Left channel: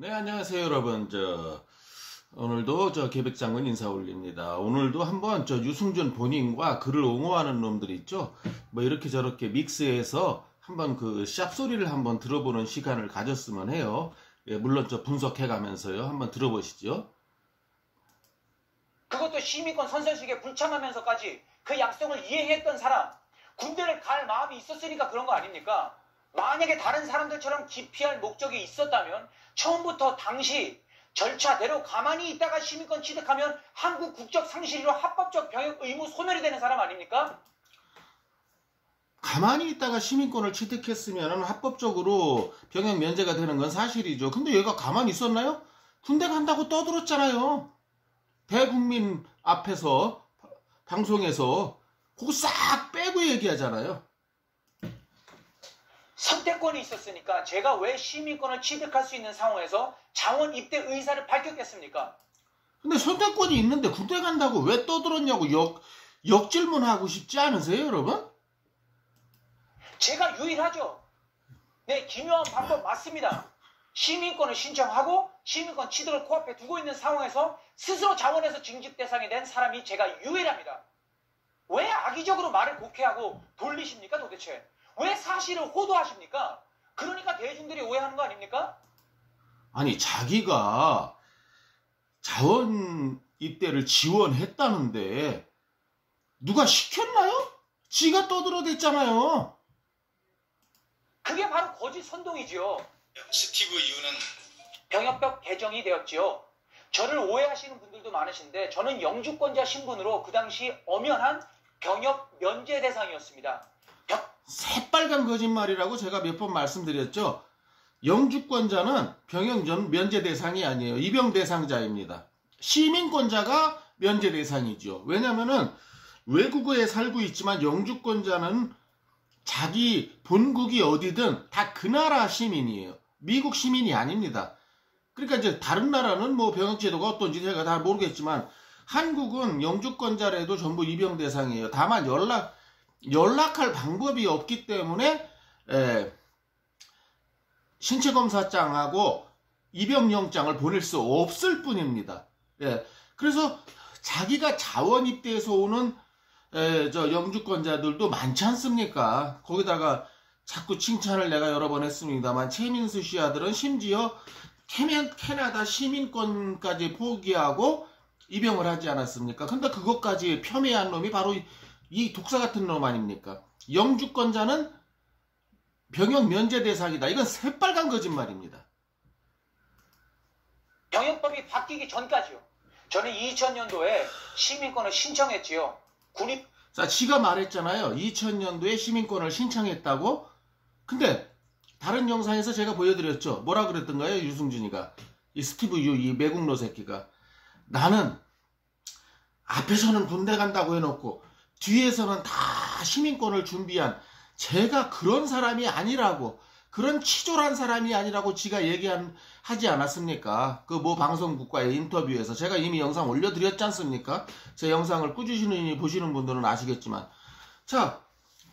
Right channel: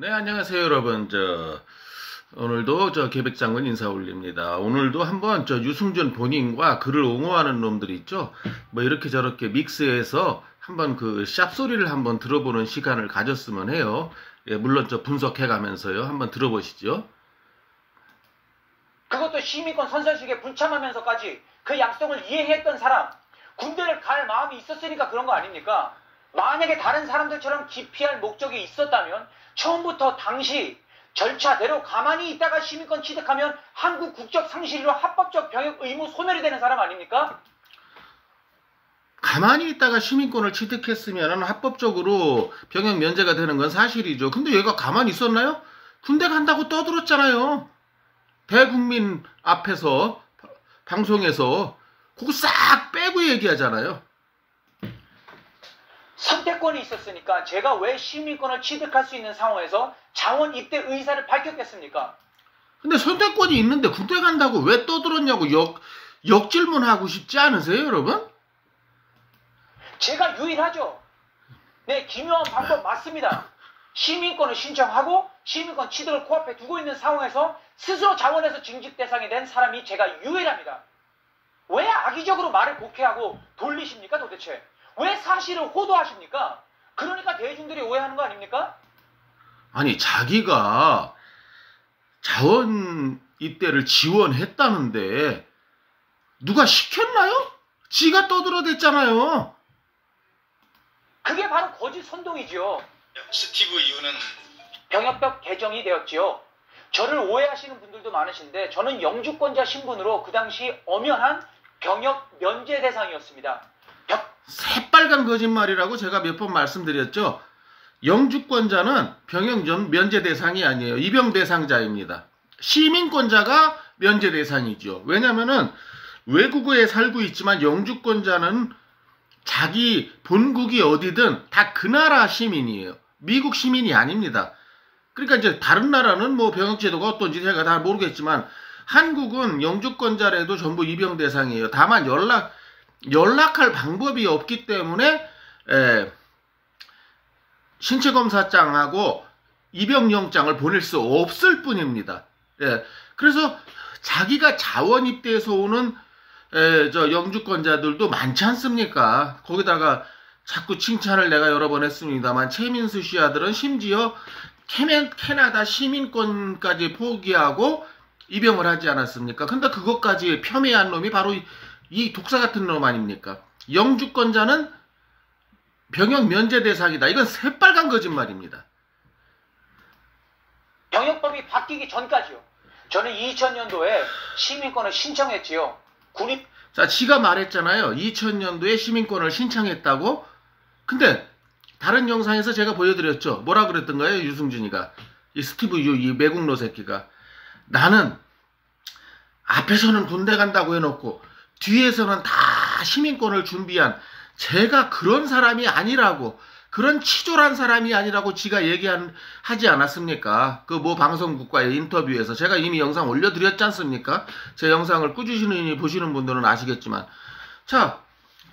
네, 안녕하세요, 여러분. 오늘도 계백장군 인사 올립니다. 오늘도 한번 유승준 본인과 그를 옹호하는 놈들 있죠? 뭐 이렇게 저렇게 믹스해서 한번 그 샵소리를 한번 들어보는 시간을 가졌으면 해요. 예, 물론 분석해 가면서요. 한번 들어보시죠. 그것도 시민권 선서식에 불참하면서까지 그 약속을 이행했던 사람, 군대를 갈 마음이 있었으니까 그런 거 아닙니까? 만약에 다른 사람들처럼 기피할 목적이 있었다면 처음부터 당시 절차대로 가만히 있다가 시민권 취득하면 한국 국적 상실로 합법적 병역 의무 소멸이 되는 사람 아닙니까? 가만히 있다가 시민권을 취득했으면 합법적으로 병역 면제가 되는 건 사실이죠. 근데 얘가 가만히 있었나요? 군대 간다고 떠들었잖아요. 대국민 앞에서 방송에서 그거 싹 빼고 얘기하잖아요. 선택권이 있었으니까 제가 왜 시민권을 취득할 수 있는 상황에서 자원 입대 의사를 밝혔겠습니까? 근데 선택권이 있는데 군대 간다고 왜 떠들었냐고 역질문하고 싶지 않으세요, 여러분? 제가 유일하죠. 네, 기묘한 방법 맞습니다. 시민권을 신청하고 시민권 취득을 코앞에 두고 있는 상황에서 스스로 자원에서 징집 대상이 된 사람이 제가 유일합니다. 왜 악의적으로 말을 곡해하고 돌리십니까 도대체? 왜 사실을 호도하십니까? 그러니까 대중들이 오해하는 거 아닙니까? 아니, 자기가 자원 입대를 지원했다는데 누가 시켰나요? 지가 떠들어댔잖아요. 그게 바로 거짓 선동이지요. 스티브 유는 병역법 개정이 되었지요. 저를 오해하시는 분들도 많으신데 저는 영주권자 신분으로 그 당시 엄연한 병역 면제 대상이었습니다. 새빨간 거짓말이라고 제가 몇 번 말씀드렸죠. 영주권자는 병역 면제 대상이 아니에요. 입영 대상자입니다. 시민권자가 면제 대상이죠. 왜냐면은 외국에 살고 있지만 영주권자는 자기 본국이 어디든 다 그 나라 시민이에요. 미국 시민이 아닙니다. 그러니까 이제 다른 나라는 뭐 병역제도가 어떤지 제가 다 모르겠지만 한국은 영주권자라도 전부 입영 대상이에요. 다만 연락할 방법이 없기 때문에 신체검사장하고 입영영장을 보낼 수 없을 뿐입니다. 그래서 자기가 자원 입대해서 오는 영주권자들도 많지 않습니까? 거기다가 자꾸 칭찬을 내가 여러 번 했습니다만 최민수 씨 아들은 심지어 캐나다 시민권까지 포기하고 입영을 하지 않았습니까? 근데 그것까지 폄훼한 놈이 바로 이 독사 같은 놈 아닙니까? 영주권자는 병역 면제 대상이다. 이건 새빨간 거짓말입니다. 병역법이 바뀌기 전까지요. 저는 2000년도에 시민권을 신청했지요. 자, 지가 말했잖아요. 2000년도에 시민권을 신청했다고. 근데 다른 영상에서 제가 보여드렸죠. 뭐라 그랬던가요? 유승준이가. 이 스티브 유, 이 매국노 새끼가. 나는 앞에서는 군대 간다고 해놓고 뒤에서는 다 시민권을 준비한 제가 그런 사람이 아니라고, 그런 치졸한 사람이 아니라고 지가 하지 않았습니까? 그 뭐 방송국과의 인터뷰에서 제가 이미 영상 올려드렸지 않습니까? 제 영상을 꾸준히 보시는 분들은 아시겠지만, 자,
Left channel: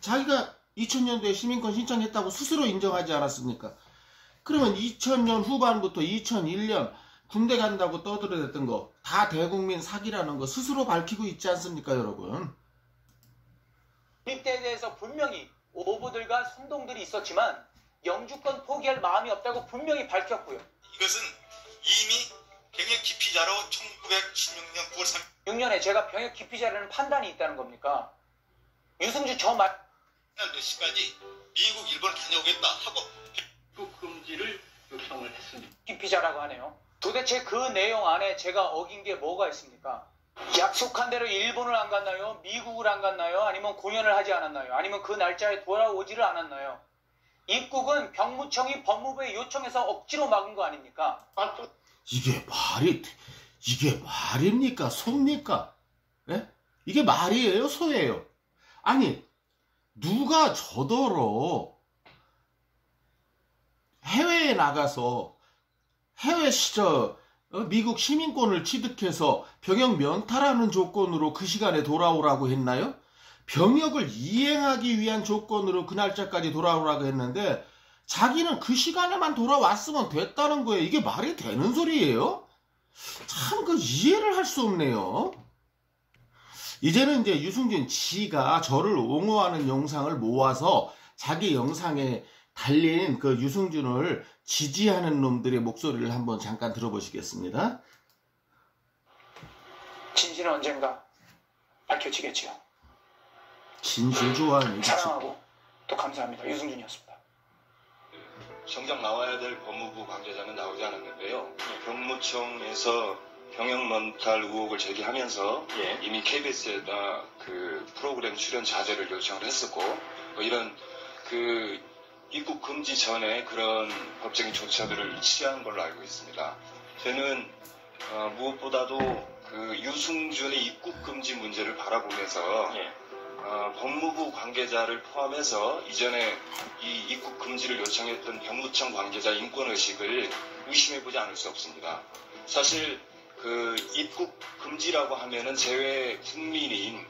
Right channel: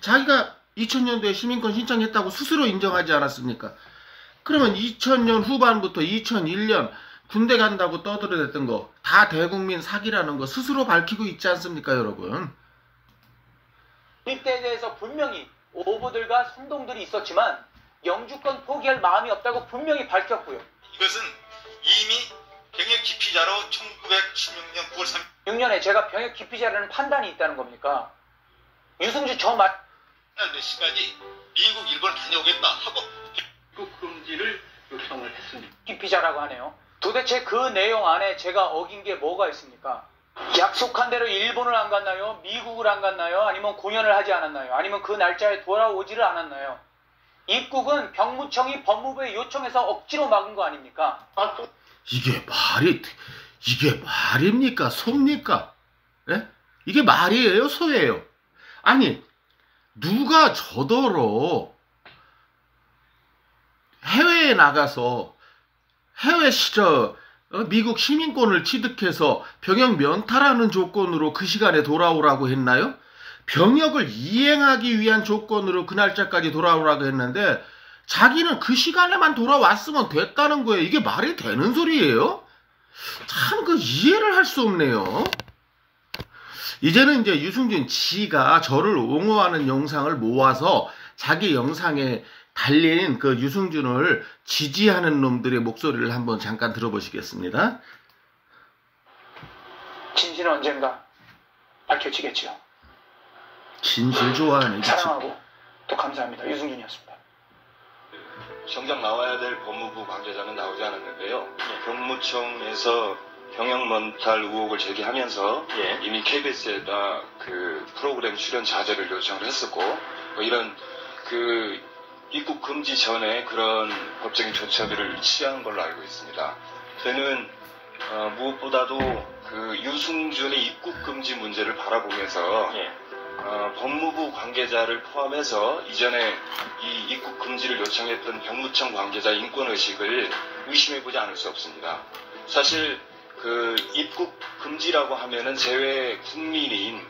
자기가 2000년도에 시민권 신청했다고 스스로 인정하지 않았습니까? 그러면 2000년 후반부터 2001년 군대 간다고 떠들어댔던 거 다 대국민 사기라는 거 스스로 밝히고 있지 않습니까, 여러분? 입대에 대해서 분명히 오보들과 선동들이 있었지만 영주권 포기할 마음이 없다고 분명히 밝혔고요. 이것은 이미 병역 기피자로 1916년 9월 3일 6년에 제가 병역 기피자라는 판단이 있다는 겁니까? 유승준 저 말 몇 시까지 미국, 일본 다녀오겠다 하고 입국 금지를 요청을 했습니다. 기피자라고 하네요. 도대체 그 내용 안에 제가 어긴 게 뭐가 있습니까? 약속한 대로 일본을 안 갔나요? 미국을 안 갔나요? 아니면 공연을 하지 않았나요? 아니면 그 날짜에 돌아오지를 않았나요? 입국은 병무청이 법무부에 요청해서 억지로 막은 거 아닙니까? 이게 말입니까? 소입니까? 예? 이게 말이에요? 소예요? 아니, 누가 저더러 해외에 나가서 미국 시민권을 취득해서 병역 면탈하는 조건으로 그 시간에 돌아오라고 했나요? 병역을 이행하기 위한 조건으로 그 날짜까지 돌아오라고 했는데 자기는 그 시간에만 돌아왔으면 됐다는 거예요. 이게 말이 되는 소리예요? 참 그 이해를 할 수 없네요. 이제는 이제 유승준 지가 저를 옹호하는 영상을 모아서 자기 영상에 달린 그 유승준을 지지하는 놈들의 목소리를 한번 잠깐 들어보시겠습니다. 진실은 언젠가 밝혀지겠죠. 진실 좋아하네. 사랑하고 또 감사합니다. 유승준이었습니다. 정작 나와야 될 법무부 관계자는 나오지 않았는데요. 경무청에서 경영먼탈 의혹을 제기하면서 이미 KBS에다 그 프로그램 출연 자제를 요청을 했었고 이런 그 입국 금지 전에 그런 법적인 조처들을 취하는 걸로 알고 있습니다. 저는 무엇보다도 그 유승준의 입국 금지 문제를 바라보면서 법무부 관계자를 포함해서 이전에 이 입국 금지를 요청했던 병무청 관계자 인권의식을 의심해보지 않을 수 없습니다. 사실 그 입국 금지라고 하면은 재외 국민인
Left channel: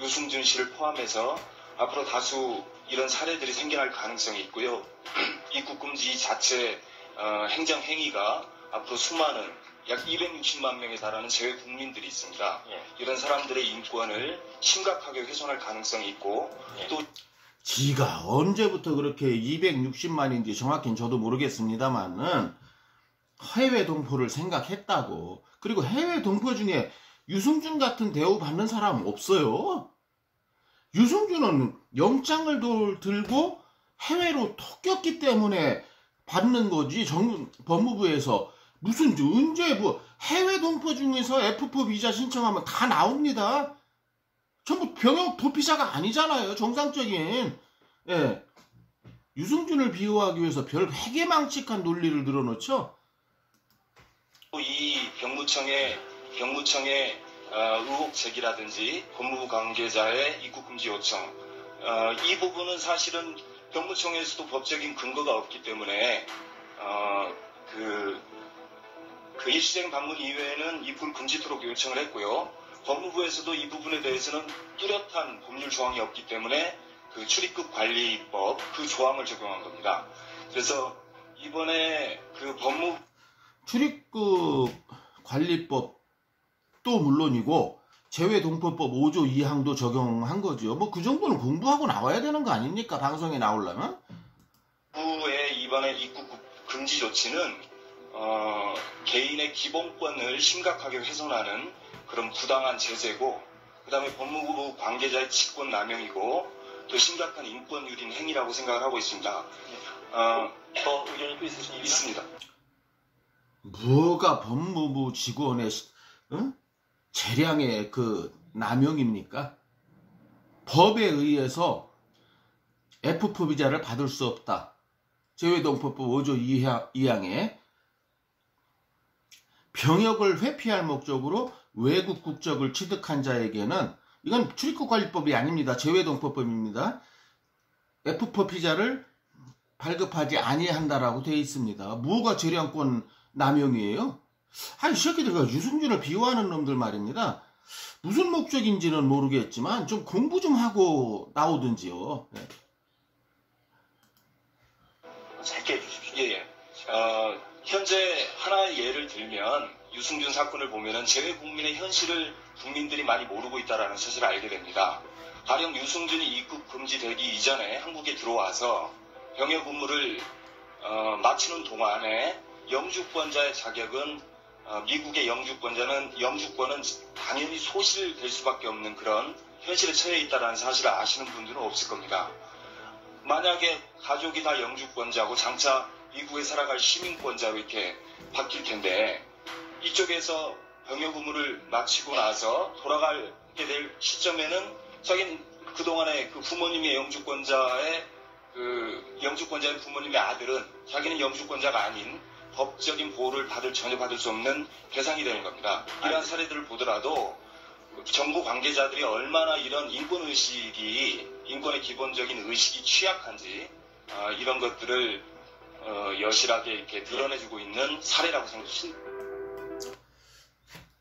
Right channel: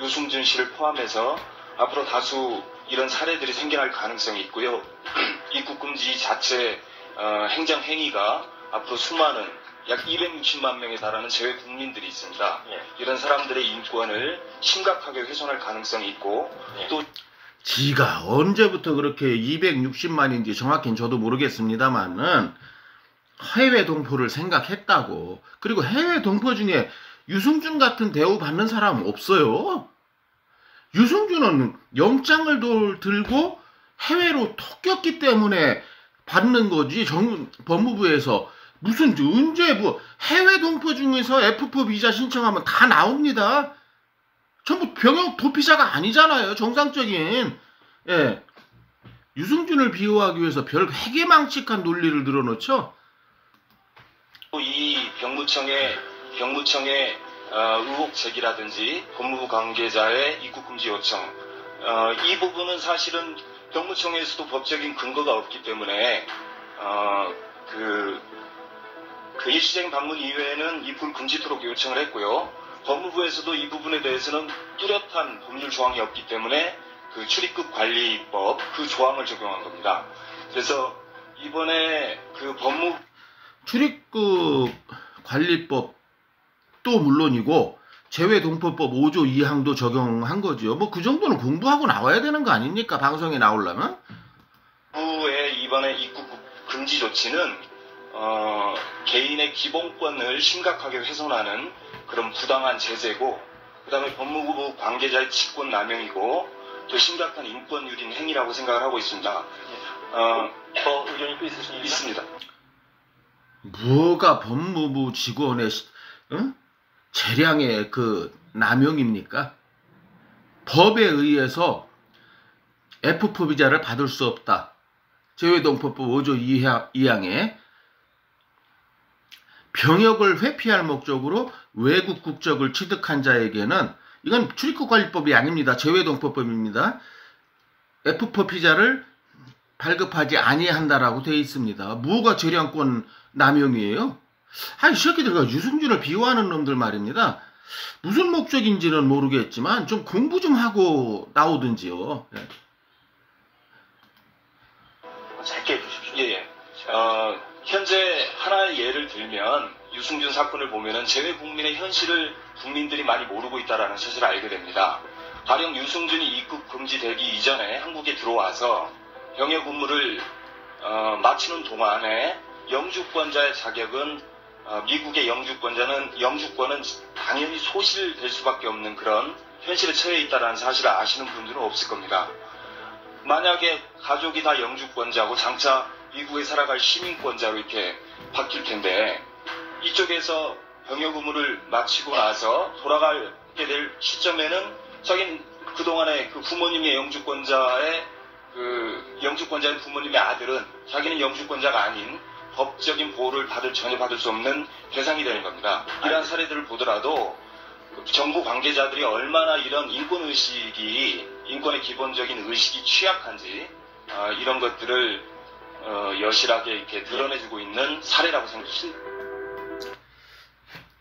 유승준 씨를 포함해서 앞으로 다수 이런 사례들이 생겨날 가능성이 있고요. 입국 금지 자체 행정 행위가 앞으로 수많은 약 260만 명에 달하는 재외 국민들이 있습니다. 이런 사람들의 인권을 심각하게 훼손할 가능성이 있고 또 지가 언제부터 그렇게 260만인지 정확히는 저도 모르겠습니다만은 해외 동포를 생각했다고. 그리고 해외 동포 중에 유승준 같은 대우 받는 사람 없어요. 유승준은 영장을 들고 해외로 톡겼기 때문에 받는 거지. 법무부에서 무슨 언제 뭐 해외 동포 중에서 F4 비자 신청하면 다 나옵니다. 전부 병역 도피자가 아니잖아요. 정상적인. 예. 유승준을 비호하기 위해서 별 회계망측한 논리를 늘어놓죠. 이 병무청의 의혹 제기라든지 법무부 관계자의 입국 금지 요청 이 부분은 사실은 병무청에서도 법적인 근거가 없기 때문에 그 일시적인 방문 이외에는 입국을 금지토록 요청을 했고요. 법무부에서도 이 부분에 대해서는 뚜렷한 법률 조항이 없기 때문에 그 출입국 관리법 그 조항을 적용한 겁니다. 그래서 이번에 그 출입국 관리법도 물론이고 재외동포법 5조 2항도 적용한 거죠. 뭐 그 정도는 공부하고 나와야 되는 거 아닙니까? 방송에 나오려면? 정부의 이번에 입국 금지 조치는 개인의 기본권을 심각하게 훼손하는 그런 부당한 제재고, 그 다음에 법무부 관계자의 직권 남용이고, 또 심각한 인권 유린 행위라고 생각을 하고 있습니다. 더 의견이 또 있으십니까? 있습니다. 뭐가 법무부 직원의 재량의 그 남용입니까? 법에 의해서 F4 비자를 받을 수 없다. 재외동포법 5조 2항에 병역을 회피할 목적으로 외국 국적을 취득한 자에게는, 이건 출입국관리법이 아닙니다. 재외동포법입니다. F4 비자를 발급하지 아니한다라고 되어 있습니다. 뭐가 재량권 남용이에요? 이 새끼들과 유승준을 비호하는 놈들 말입니다. 무슨 목적인지는 모르겠지만 좀 공부 좀 하고 나오든지요. 네. 짧게 해주십시오. 예. 현재 하나의 예를 들면 유승준 사건을 보면은 재외 국민의 현실을 국민들이 많이 모르고 있다는 사실을 알게 됩니다. 가령 유승준이 입국 금지되기 이전에 한국에 들어와서 병역 의무를 마치는 동안에 영주권자의 자격은 미국의 영주권은 당연히 소실될 수밖에 없는 그런 현실에 처해 있다는 사실을 아시는 분들은 없을 겁니다. 만약에 가족이 다 영주권자고 장차 미국에 살아갈 시민권자로 이렇게 바뀔 텐데, 이쪽에서 병역 의무를 마치고 나서 돌아가게 될 시점에는 자기는 그동안에 그 부모님의 영주권자인 부모님의 아들은 자기는 영주권자가 아닌 법적인 보호를 전혀 받을 수 없는 대상이 되는 겁니다. 이러한 사례들을 보더라도 정부 관계자들이 얼마나 이런 인권의 기본적인 의식이 취약한지 이런 것들을 여실하게 이렇게 드러내주고 있는 사례라고 생각합니다.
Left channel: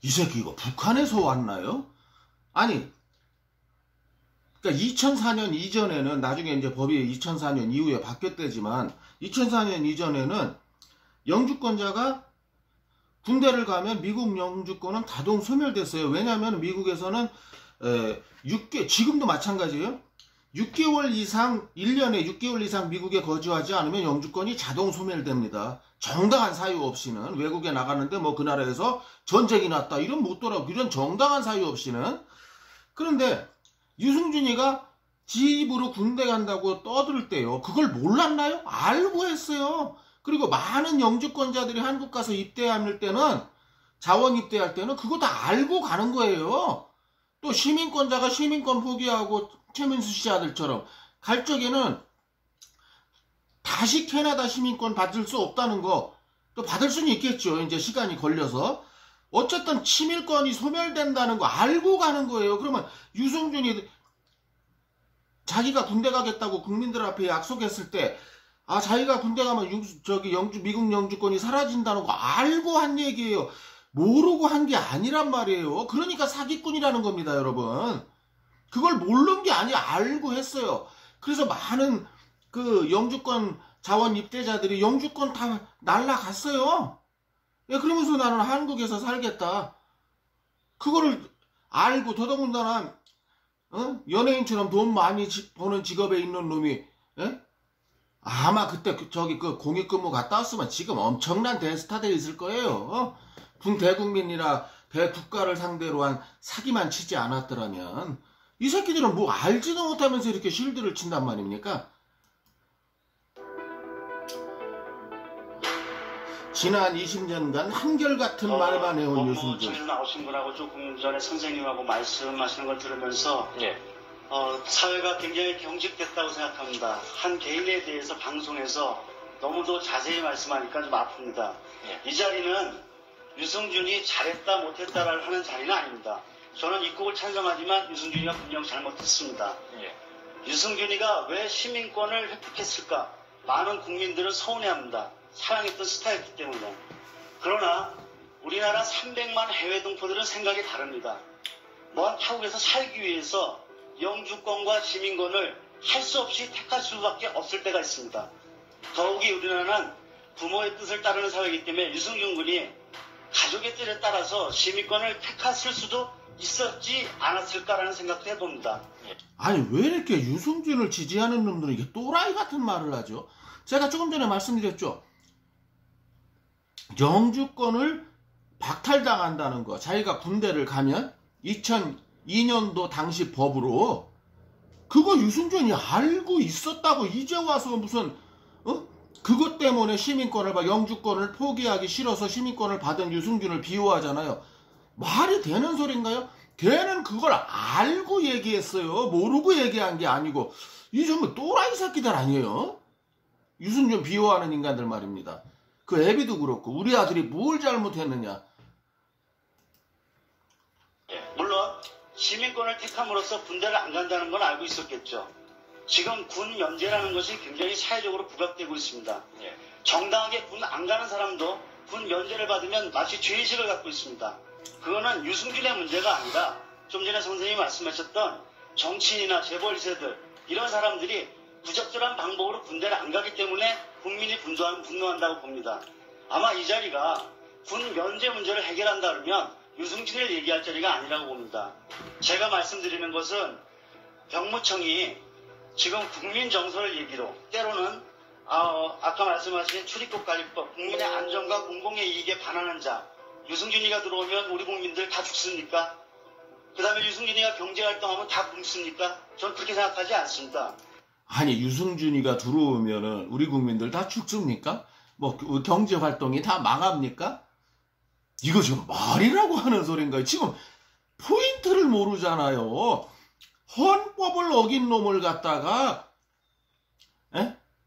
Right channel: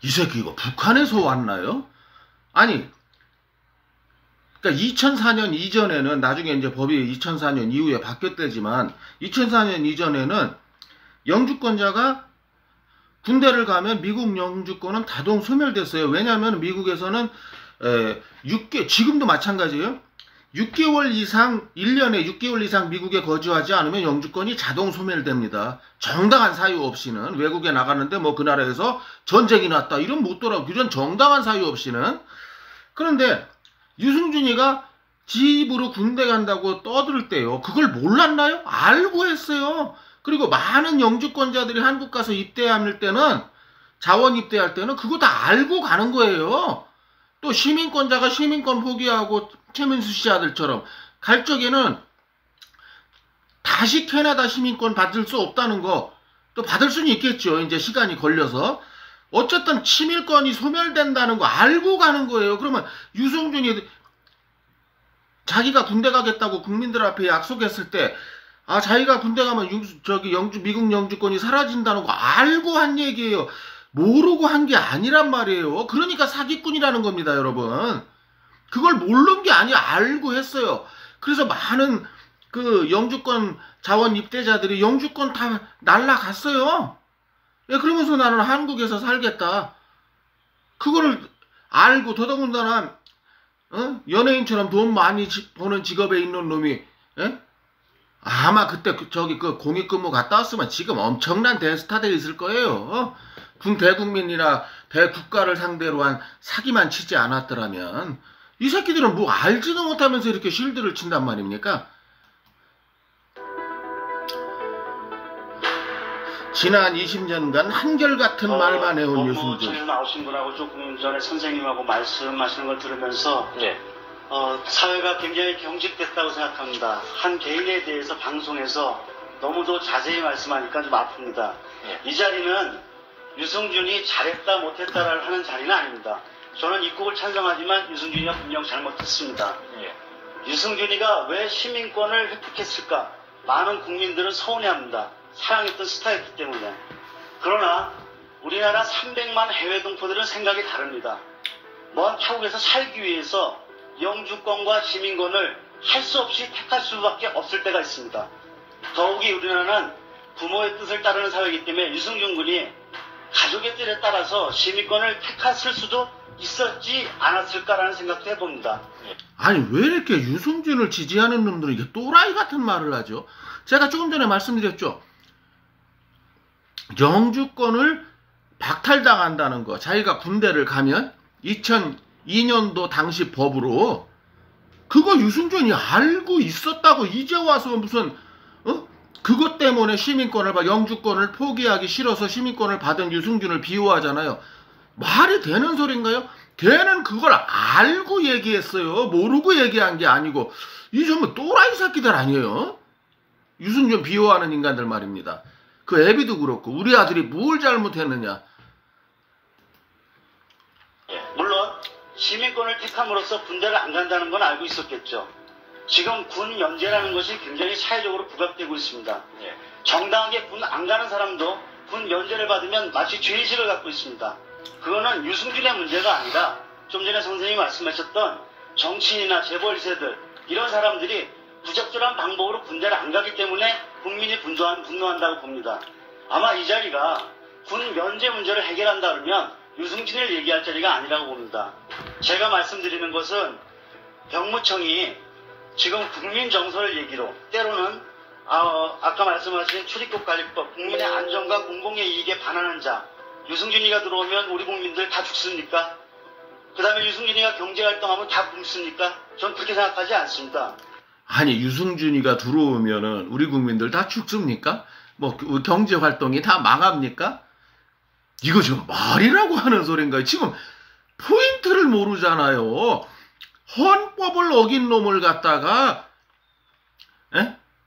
이 새끼 이거 북한에서 왔나요? 아니, 그러니까 2004년 이전에는 나중에 이제 법이 2004년 이후에 바뀌었대지만 2004년 이전에는 영주권자가 군대를 가면 미국 영주권은 자동 소멸됐어요. 왜냐하면 미국에서는 지금도 마찬가지예요. 6개월 이상 1년에 6개월 이상 미국에 거주하지 않으면 영주권이 자동 소멸됩니다. 정당한 사유 없이는 외국에 나가는데 뭐 그 나라에서 전쟁이 났다 이런 못 돌아오고 이런 정당한 사유 없이는. 그런데 유승준이가 집으로 군대 간다고 떠들 때요. 그걸 몰랐나요? 알고 했어요. 그리고 많은 영주권자들이 한국 가서 입대할 때는 자원 입대할 때는 그거 다 알고 가는 거예요. 또 시민권자가 시민권 포기하고 최민수 씨 아들처럼 갈 적에는 다시 캐나다 시민권 받을 수 없다는 거, 또 받을 수는 있겠죠. 이제 시간이 걸려서. 어쨌든 치밀권이 소멸된다는 거 알고 가는 거예요. 그러면 유승준이 자기가 군대 가겠다고 국민들 앞에 약속했을 때, 자기가 군대 가면 미국 영주권이 사라진다는 거 알고 한 얘기예요. 모르고 한 게 아니란 말이에요. 그러니까 사기꾼이라는 겁니다, 여러분. 그걸 모르는 게 아니야. 알고 했어요. 그래서 많은 그 영주권 자원 입대자들이 영주권 다 날라갔어요. 그러면서 나는 한국에서 살겠다. 그거를 알고 더더군다나 연예인처럼 돈 많이 버는 직업에 있는 놈이 아마 그때 그 공익근무 갔다 왔으면 지금 엄청난 대스타 돼 있을 거예요. 대국민이나 대국가를 상대로 한 사기만 치지 않았더라면. 이 새끼들은 뭐 알지도 못하면서 이렇게 쉴드를 친단 말입니까? 지난 20년간 한결같은 말만 해온 유승준. 나오신 분하고 조금 전에 선생님하고 말씀하시는 걸 들으면서 사회가 굉장히 경직됐다고 생각합니다. 한 개인에 대해서 방송에서 너무도 자세히 말씀하니까 좀 아픕니다. 이 자리는 유승준이 잘했다 못했다를 하는 자리는 아닙니다. 저는 입국을 찬성하지만 유승준이가 분명 잘못했습니다. 유승준이가 왜 시민권을 획득했을까? 많은 국민들은 서운해합니다. 사랑했던 스타였기 때문에. 그러나 우리나라 300만 해외 동포들은 생각이 다릅니다. 먼 타국에서 살기 위해서 영주권과 시민권을 할 수 없이 택할 수밖에 없을 때가 있습니다. 더욱이 우리나라는 부모의 뜻을 따르는 사회이기 때문에 유승준 군이 가족의 뜻에 따라서 시민권을 택했을 수도 있었지 않았을까라는 생각도 해봅니다. 아니 왜 이렇게 유승준을 지지하는 놈들은 이게 또라이 같은 말을 하죠? 제가 조금 전에 말씀드렸죠. 영주권을 박탈당한다는 거. 자기가 군대를 가면 2002년도 당시 법으로 그거 유승준이 알고 있었다고 이제 와서 무슨 그것 때문에 영주권을 포기하기 싫어서 시민권을 받은 유승준을 비호하잖아요. 말이 되는 소린가요? 걔는 그걸 알고 얘기했어요. 모르고 얘기한 게 아니고. 이 전부 또라이 새끼들 아니에요? 유승준 비호하는 인간들 말입니다. 그 애비도 그렇고 우리 아들이 뭘 잘못했느냐. 물론 시민권을 택함으로써 군대를 안 간다는 건 알고 있었겠죠. 지금 군 면제라는 것이 굉장히 사회적으로 부각되고 있습니다. 정당하게 군 안 가는 사람도 군 면제를 받으면 마치 죄의식을 갖고 있습니다. 그거는 유승준의 문제가 아니라 좀 전에 선생님이 말씀하셨던 정치인이나 재벌 2세들 이런 사람들이 부적절한 방법으로 군대를 안 가기 때문에 국민이 분노한다고 봅니다. 아마 이 자리가 군 면제 문제를 해결한다 그러면 유승준을 얘기할 자리가 아니라고 봅니다. 제가 말씀드리는 것은 병무청이 지금 국민 정서를 얘기로 때로는 아까 말씀하신 출입국관리법, 국민의 안전과 공공의 이익에 반하는 자, 유승준이가 들어오면 우리 국민들 다 죽습니까? 그 다음에 유승준이가 경제활동하면 다 굶습니까? 전 그렇게 생각하지 않습니다. 아니 유승준이가 들어오면은 우리 국민들 다 죽습니까? 뭐 경제활동이 다 망합니까? 이거 지금 말이라고 하는 소린가요? 지금 포인트를 모르잖아요. 헌법을 어긴 놈을 갖다가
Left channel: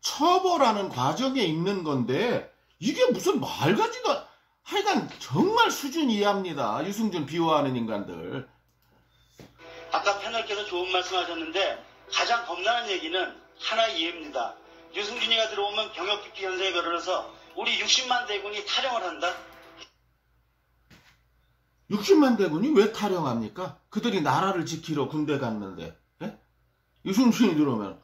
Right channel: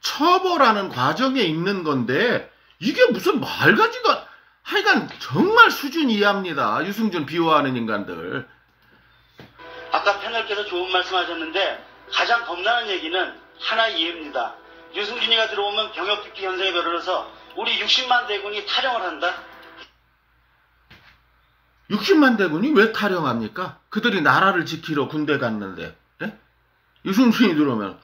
처벌하는 과정에 있는 건데 이게 무슨 말 같지도 하여간 정말 수준 이하입니다. 유승준 비호하는 인간들. 아까 패널께서 좋은 말씀하셨는데 가장 겁나는 얘기는 하나 이해입니다. 유승준이가 들어오면 병역특기 현상에 별로라서 우리 60만 대군이 탈영을 한다? 60만 대군이 왜 탈영합니까? 그들이 나라를 지키러 군대 갔는데. 유승준이 들어오면.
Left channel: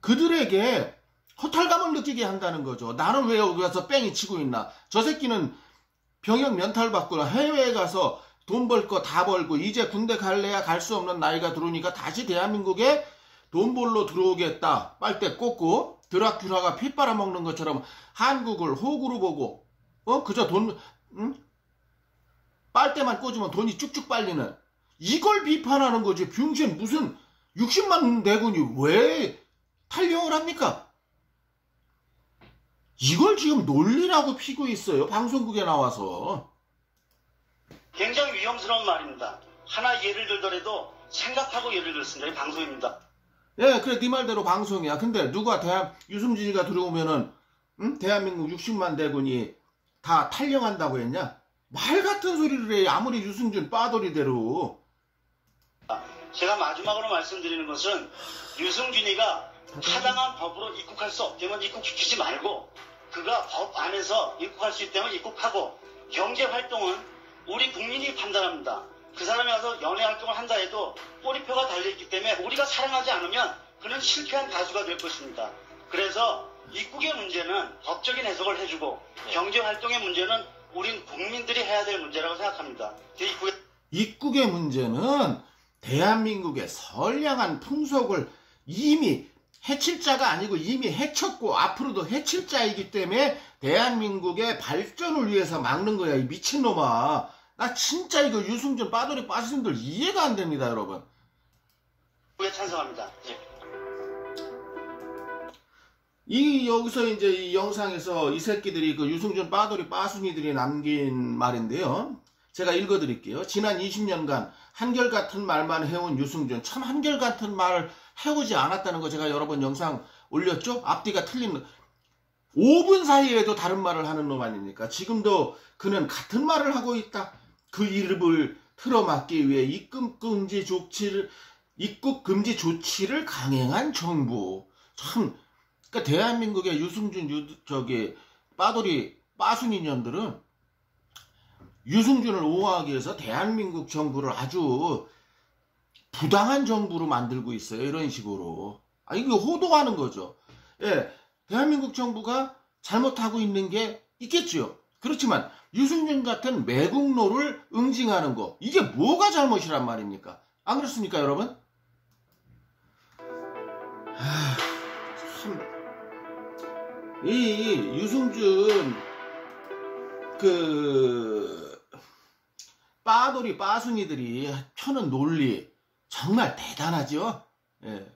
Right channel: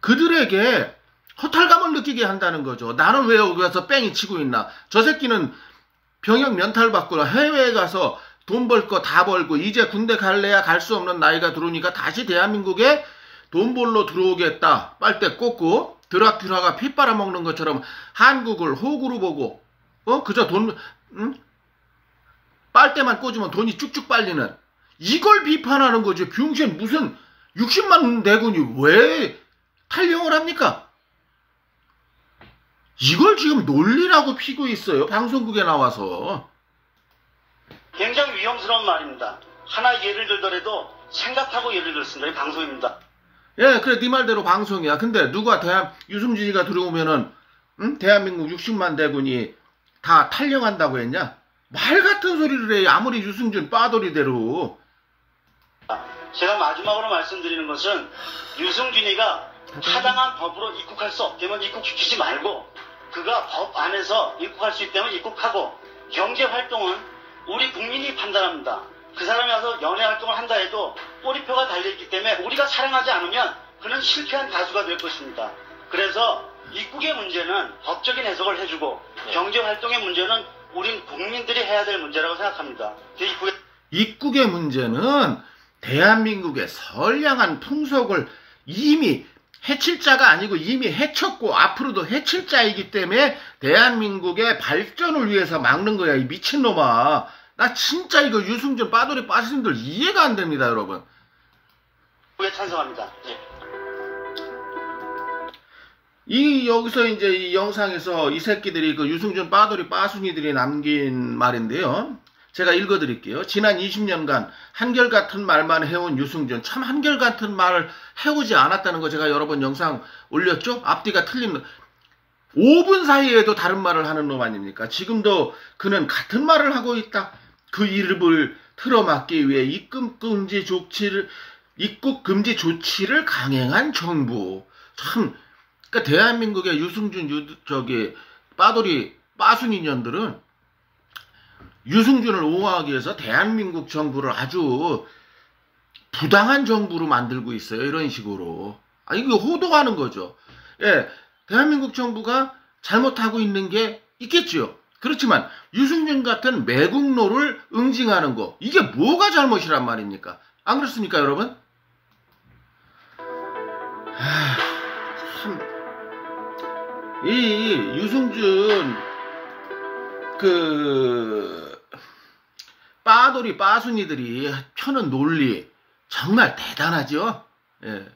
그들에게 허탈감을 느끼게 한다는 거죠. 나는 왜 여기 와서 뺑이 치고 있나. 저 새끼는 병역 면탈 받고 해외에 가서 돈 벌 거 다 벌고 이제 군대 갈래야 갈 수 없는 나이가 들어오니까 다시 대한민국에 돈 벌러 들어오겠다. 빨대 꽂고 드라큘라가 피 빨아먹는 것처럼 한국을 호구로 보고 그저 돈 빨대만 꽂으면 돈이 쭉쭉 빨리는 이걸 비판하는 거죠. 병신 무슨 60만 대군이 왜 탈영을 합니까? 이걸 지금 논리라고 피고 있어요. 방송국에 나와서. 굉장히 위험스러운 말입니다. 하나 예를 들더라도 생각하고 예를 들었습니다. 이 방송입니다. 예, 그래 네 말대로 방송이야. 근데 누가 유승준이가 들어오면은 대한민국 60만 대군이 다 탈영한다고 했냐? 말 같은 소리를 해. 아무리 유승준 빠돌이대로. 제가 마지막으로 말씀드리는 것은 유승준이가 타당한 법으로 입국할 수 없다면 입국시키지 말고 그가 법 안에서 입국할 수 있다면 입국하고 경제활동은 우리 국민이 판단합니다. 그 사람이 와서 연예활동을 한다 해도 꼬리표가 달려있기 때문에 우리가 사랑하지 않으면 그는 실패한 가수가 될 것입니다. 그래서 입국의 문제는 법적인 해석을 해주고 경제활동의 문제는 우린 국민들이 해야 될 문제라고 생각합니다. 입국의 문제는 대한민국의 선량한 풍속을 이미 해칠 자가 아니고 이미 해쳤고 앞으로도 해칠 자이기 때문에 대한민국의 발전을 위해서 막는 거야. 이 미친놈아. 나 진짜 이거 유승준 빠돌이 빠스님들 이해가 안 됩니다, 여러분. 찬성합니다. 여기서 이제 이 영상에서 이 새끼들이 그 유승준 빠돌이 빠순이들이 남긴 말인데요. 제가 읽어드릴게요. 지난 20년간 한결같은 말만 해온 유승준. 참 한결같은 말을 해오지 않았다는 거 제가 여러 번 영상 올렸죠? 앞뒤가 틀린 5분 사이에도 다른 말을 하는 놈 아닙니까? 지금도 그는 같은 말을 하고 있다. 그 이름을 틀어막기 위해 입국 금지 조치를 강행한 정부. 참, 그러니까 대한민국의 유승준 빠돌이 빠순이년들은 유승준을 옹호하기 위해서 대한민국 정부를 아주 부당한 정부로 만들고 있어요. 이런 식으로. 이거 호도하는 거죠. 예, 대한민국 정부가 잘못하고 있는 게 있겠죠. 그렇지만 유승준 같은 매국노를 응징하는 거, 이게 뭐가 잘못이란 말입니까? 안 그렇습니까, 여러분? 참, 이 유승준 빠돌이 빠순이들이 펴는 논리 정말 대단하죠. 예.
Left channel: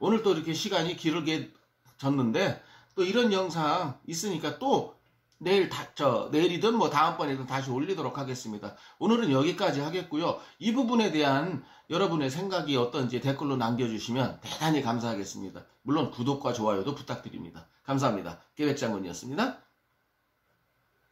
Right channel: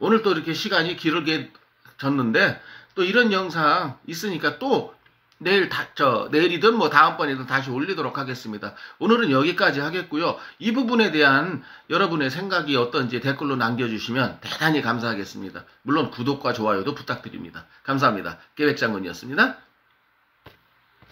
오늘 또 이렇게 시간이 길게 졌는데 또 이런 영상 있으니까 또 내일이든 뭐 다음번에든 다시 올리도록 하겠습니다. 오늘은 여기까지 하겠고요. 이 부분에 대한 여러분의 생각이 어떤지 댓글로 남겨주시면 대단히 감사하겠습니다. 물론 구독과 좋아요도 부탁드립니다. 감사합니다. 계획장군이었습니다.